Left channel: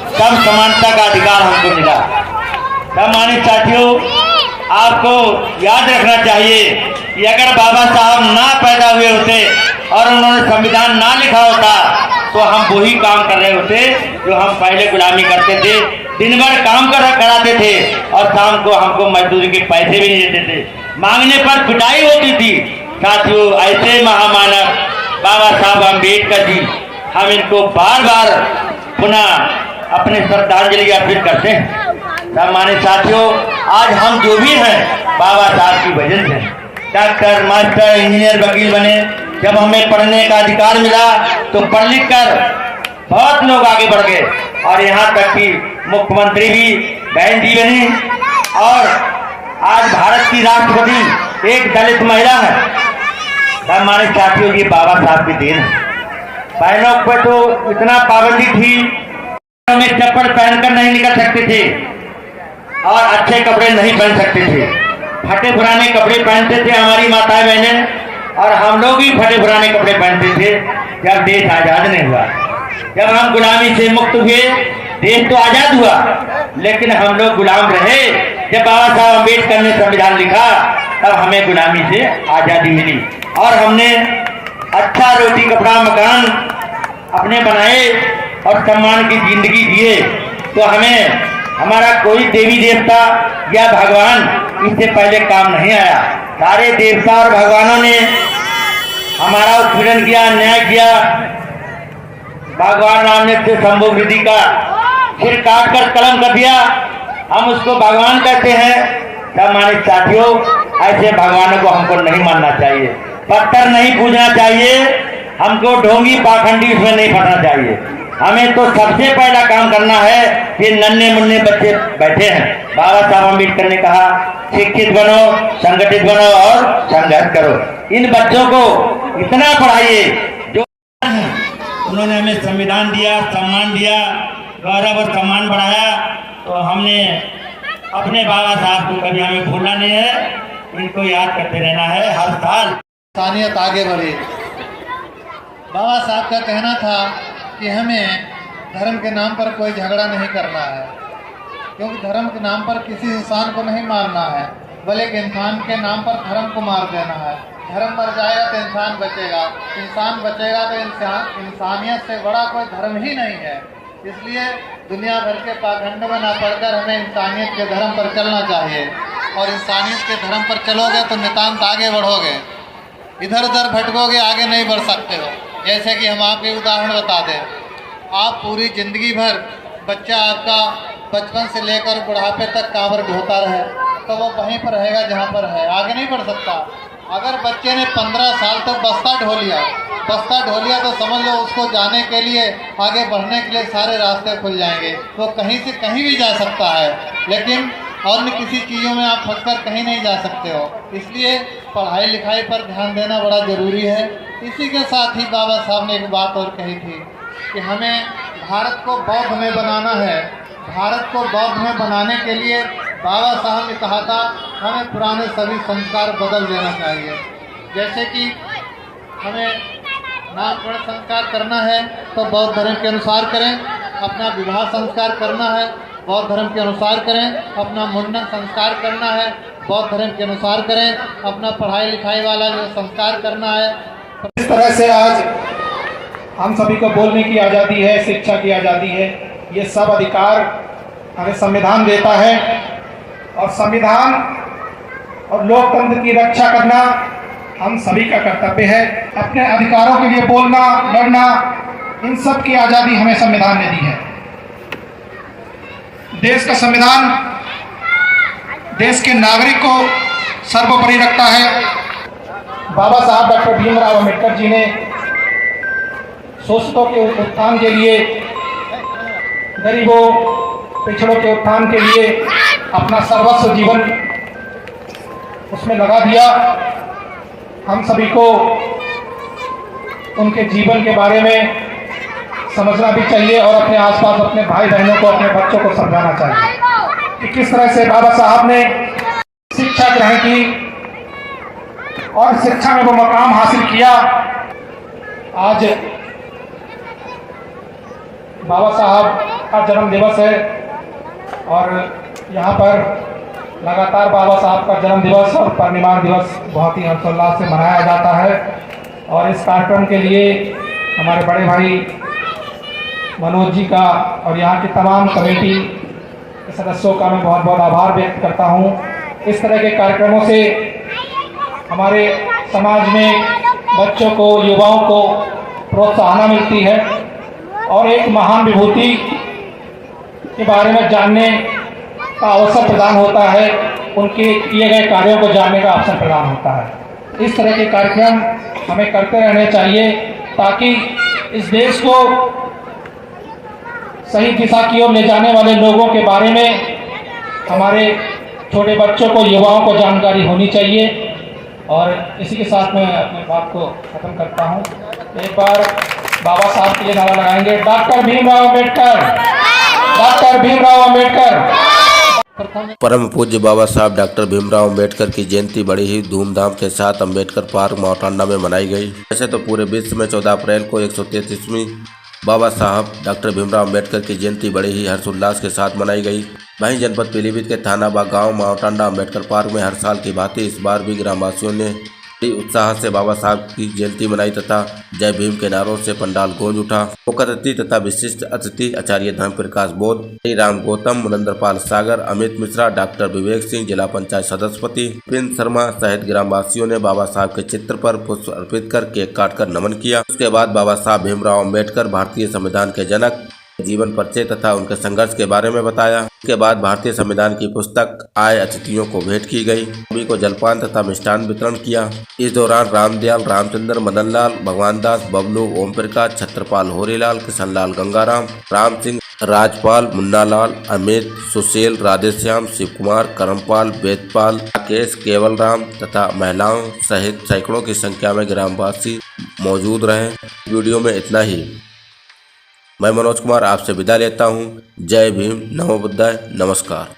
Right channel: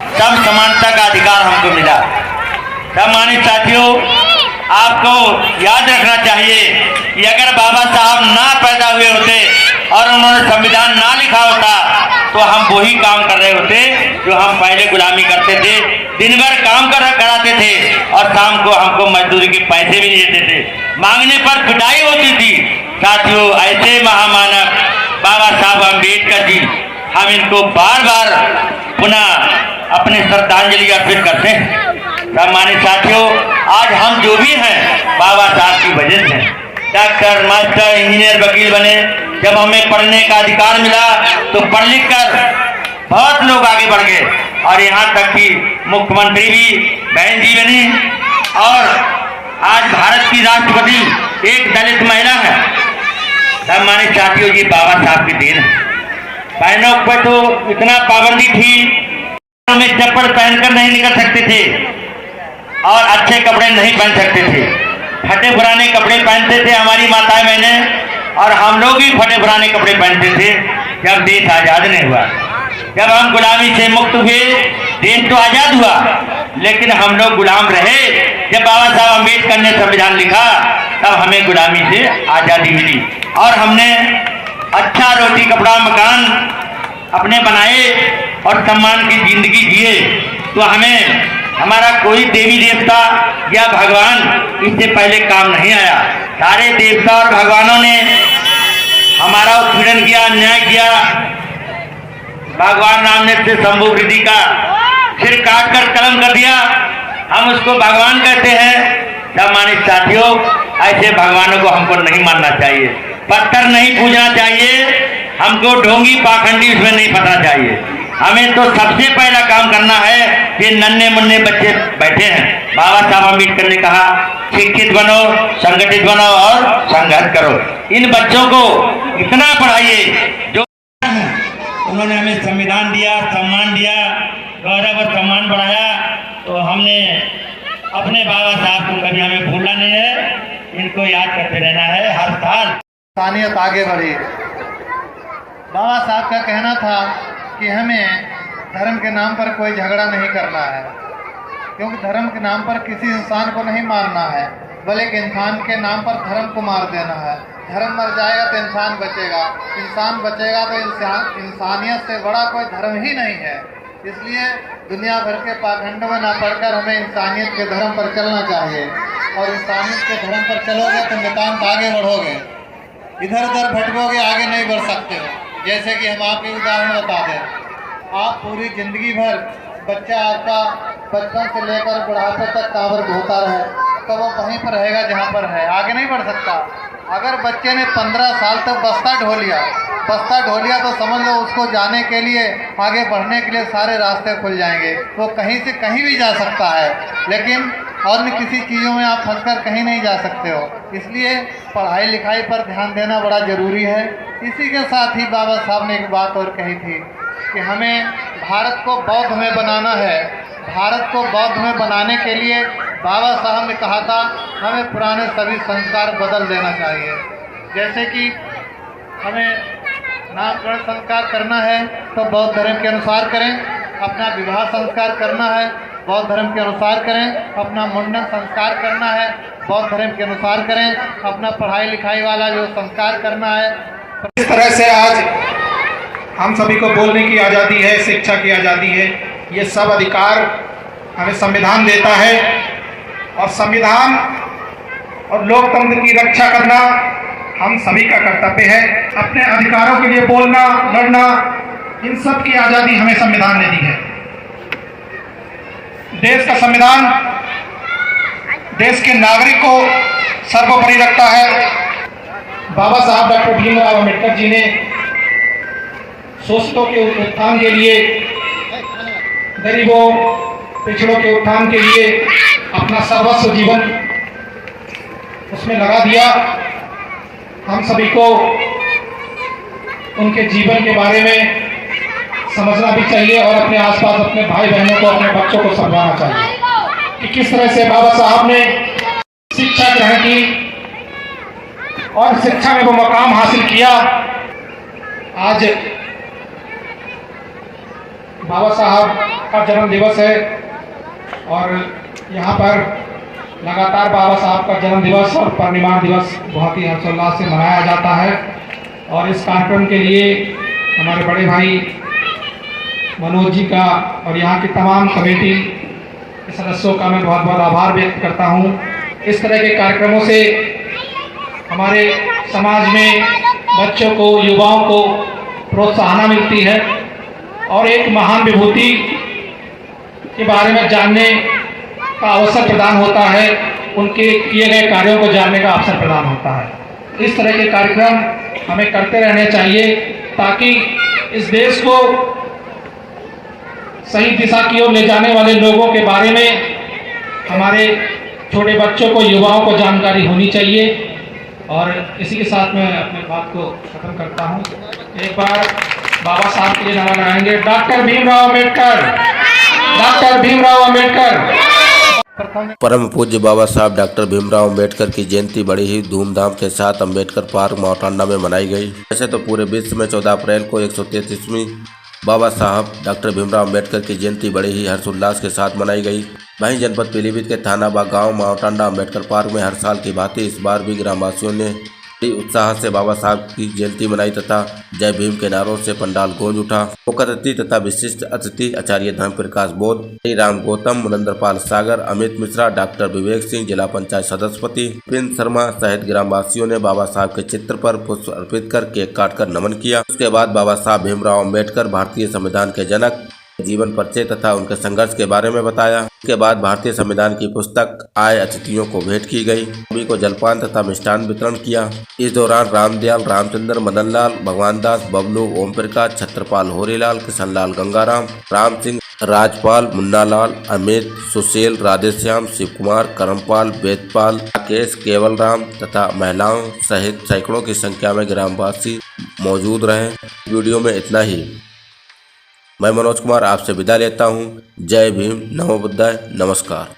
सब समानता का अधिकार हमको मिला। सम्मानित साथियों, आपको याद रखना चाहिए कि अगर बाबा साहब ना पैदा हुए होते और उन्होंने संविधान ना लिखा होता तो हम वही काम कर रहे होते जो हम पहले गुलामी करते थे। दिन भर काम कराते थे और शाम को हमको मजदूरी के पैसे भी नहीं देते थे, मांगने पर पिटाई होती थी। साथियों, ऐसे महामानव बाबा साहब अम्बेडकर जी, हम इनको बार बार पुनः अपने श्रद्धांजलि अर्पित करते हैं। सम्मानित साथियों, आज हम जो भी हैं बाबा साहब की वजह से डॉक्टर, मास्टर, इंजीनियर, वकील बने। जब हमें पढ़ने का अधिकार मिला तो पढ़ लिख कर बहुत लोग आगे बढ़ गए और यहाँ तक कि मुख्यमंत्री भी बहन जी बनी और आज भारत की राष्ट्रपति एक दलित महिला है। सम्मानित साथियों, ये बाबा साहब की देन है। बहनों पर तो इतना पाबंदी थी, हम चप्पल पहनकर नहीं निकल सकते थे और अच्छे कपड़े नहीं पहन सकते थे, फटे पुराने कपड़े पहनते थे हमारी माताएं बहनें, और हम लोग भी फटे पुराने कपड़े पहनते थे। जब देश आजाद नहीं हुआ, जब हम गुलामी से मुक्त हुए, देश तो आजाद हुआ लेकिन हम लोग गुलाम रहे। जब बाबा साहब अम्बेडकर ने संविधान लिखा तब हमें गुलामी से आजादी मिली और हमने अच्छा रोटी कपड़ा मकान अपने बनाए और सम्मान की जिंदगी जिए। तो हमें हमारा कोई देवी देवता या भगवान इससे पहले काम नहीं आया। सारे देवता और भगवानों ने हमारा उत्पीड़न किया, अन्याय किया। भगवान नाम ने से शंभु वृद्धि का सिर काट कर कलम कर दिया, हम उसको भगवान कहते हैं। सम्मानित साथियों, ऐसे भगवानों को हमको नहीं मानना चाहिए, पत्थर नहीं पूजना चाहिए, हमको ढोंगी पाखंडी उसमें नहीं फंसना चाहिए। हमें तो सबसे पहला काम करना है। ये नन्हे मुन्ने बच्चे बैठे हैं, बाबा साहब अम्बेडकर ने कहा शिक्षित बनो, संगठित बनो और संघर्ष करो। इन बच्चों को इतना पढ़ाइए जो उन्होंने हमें संविधान दिया, सम्मान दिया, गौरव और सम्मान बढ़ाया। तो हमने अपने बाबा साहब को कभी हमें भूलना नहीं है, इनको याद करते रहना है हर साल। इंसानियत आगे बढ़ी। बाबा साहब का कहना था कि हमें धर्म के नाम पर कोई झगड़ा नहीं करना है, क्योंकि धर्म के नाम पर किसी इंसान को नहीं मारना है, बल्कि इंसान के नाम पर धर्म को मार देना है। धर्म मर जाएगा तो इंसान बचेगा, इंसान बचेगा तो इंसानियत से बड़ा कोई धर्म ही नहीं है। इसलिए दुनिया भर के पाखंड में ना पढ़कर हमें इंसानियत के धर्म पर चलना चाहिए, और इंसानियत के धर्म पर चलोगे तो नितांत आगे बढ़ोगे। इधर उधर भटकोगे, आगे नहीं बढ़ सकते हो। जैसे कि हम आपके उदाहरण बता दें, आप पूरी जिंदगी भर बच्चा आपका बचपन से लेकर बुढ़ापे तक कांवर ढोता रहे तो वो वहीं पर रहेगा जहाँ पर है, आगे नहीं बढ़ सकता। अगर बच्चे ने 15 साल तक बस्ता ढो लिया तो समझ लो उसको जाने के लिए, आगे बढ़ने के लिए सारे रास्ते खुल जाएंगे। वो कहीं से कहीं भी जा सकता है, लेकिन अन्य किसी चीज़ों में आप फंसकर कहीं नहीं जा सकते हो। इसलिए पढ़ाई लिखाई पर ध्यान देना बड़ा ज़रूरी है। इसी के साथ ही बाबा साहब ने एक बात और कही थी कि हमें भारत को बौद्ध में बनाना है। भारत को बौद्ध में बनाने के लिए बाबा साहब ने कहा था हमें पुराने सभी संस्कार बदल देना चाहिए। जैसे कि हमें नामकरण संस्कार करना है तो बौद्ध धर्म के अनुसार करें, अपना विवाह संस्कार करना है बौद्ध धर्म के अनुसार करें, अपना मुंडन संस्कार करना है बौद्ध धर्म के अनुसार करें, अपना पढ़ाई लिखाई वाला जो संस्कार करना है। इस तरह से आज हम सभी को बोलने की आज़ादी है, शिक्षा की आज़ादी है, ये सब अधिकार हमें संविधान देता है। और संविधान और लोकतंत्र की रक्षा करना हम सभी का कर्तव्य है। अपने अधिकारों के लिए बोलना, लड़ना, इन सब की आज़ादी हमें संविधान ने दी है। देश का संविधान देश के नागरिक को सर्वोपरि रखता है। बाबा साहब डॉक्टर भीमराव अम्बेडकर जी ने शोषितों के उत्थान के लिए, गरीबों पिछड़ों के उत्थान के लिए अपना सर्वस्व जीवन उसमें लगा दिया। हम सभी को उनके जीवन के बारे में समझना भी चाहिए और अपने आसपास अपने भाई बहनों को, अपने बच्चों को समझाना चाहिए कि किस तरह से बाबा साहब ने शिक्षा ग्रहण की और शिक्षा में वो मकाम हासिल किया। आज बाबा साहब का जन्म दिवस है और यहाँ पर लगातार बाबा साहब का जन्म दिवस और परिनिर्वाण दिवस बहुत ही हर्षोल्लास से मनाया जाता है। और इस कार्यक्रम के लिए हमारे बड़े भाई मनोज जी का और यहाँ की तमाम कमेटी के सदस्यों का मैं बहुत बहुत आभार व्यक्त करता हूँ। इस तरह के कार्यक्रमों से हमारे समाज में बच्चों को, युवाओं को प्रोत्साहन मिलती है और एक महान विभूति के बारे में जानने का अवसर प्रदान होता है, उनके किए गए कार्यों को जानने का अवसर प्रदान होता है। इस तरह के कार्यक्रम हमें करते रहने चाहिए ताकि इस देश को सही दिशा की ओर ले जाने वाले लोगों के बारे में हमारे छोटे बच्चों को, युवाओं को जानकारी होनी चाहिए। और इसी के साथ मैं अपनी बात को खत्म करता हूँ। एक बार बाबा साहब के लिए नारा लगाएंगे, डॉक्टर भीमराव अम्बेडकर, डॉक्टर भीमराव अम्बेडकर। परम पूज्य बाबा साहब डॉक्टर भीमराव अम्बेडकर की जयंती बड़ी ही धूमधाम के साथ अम्बेडकर पार्क माउटांडा में मनाई गई। वैसे तो पूरे विश्व में 14 अप्रैल को 133वीं बाबा साहब डॉक्टर भीमराव अम्बेडकर की जयंती बड़े ही हर्षोल्लास के साथ मनाई गई। वहीं जनपद पीलीभीत के थानाबाग गांव माउटांडा अम्बेडकर पार्क में हर साल की भांति इस बार भी ग्रामवासियों ने बड़ी उत्साह से बाबा साहब की जयंती मनाई तथा जय भीम के नारों से पंडाल गूंज उठा। मुख्य अतिथि तथा विशिष्ट अतिथि आचार्य धर्म प्रकाश बोध, राम गौतम, मुनंदरपाल सागर, अमित मिश्रा, डॉक्टर विवेक सिंह, जिला पंचायत सदस्यपति प्रिंस शर्मा सहित ग्रामवासियों ने बाबा साहब के चित्र पर पुष्प अर्पित कर केक काटकर नमन किया। उसके बाद बाबा साहब भीमराव अम्बेडकर भारतीय संविधान के जनक, जीवन परिचय तथा उनके संघर्ष के बारे में बताया। इसके बाद भारतीय संविधान की पुस्तक आए अतिथियों को भेंट की गई। सभी को जलपान तथा मिष्ठान वितरण किया। इस दौरान रामदयाल, रामचंद्र, मदनलाल, भगवान दास, बबलू, ओम प्रकाश, छत्रपाल, होरीलाल, किशनलाल, गंगाराम, राम सिंह, राजपाल, मुन्नालाल, अमित, सुशील, राधेश्याम, शिव कुमार, करमपाल, वेदपाल, राकेश, केवल राम तथा महिलाओं सहित सैकड़ों की संख्या में ग्रामवासी मौजूद रहे। वीडियो में इतना ही। मैं मनोज कुमार आपसे विदा लेता हूँ। जय भीम, नमो बुद्धाय, नमस्कार।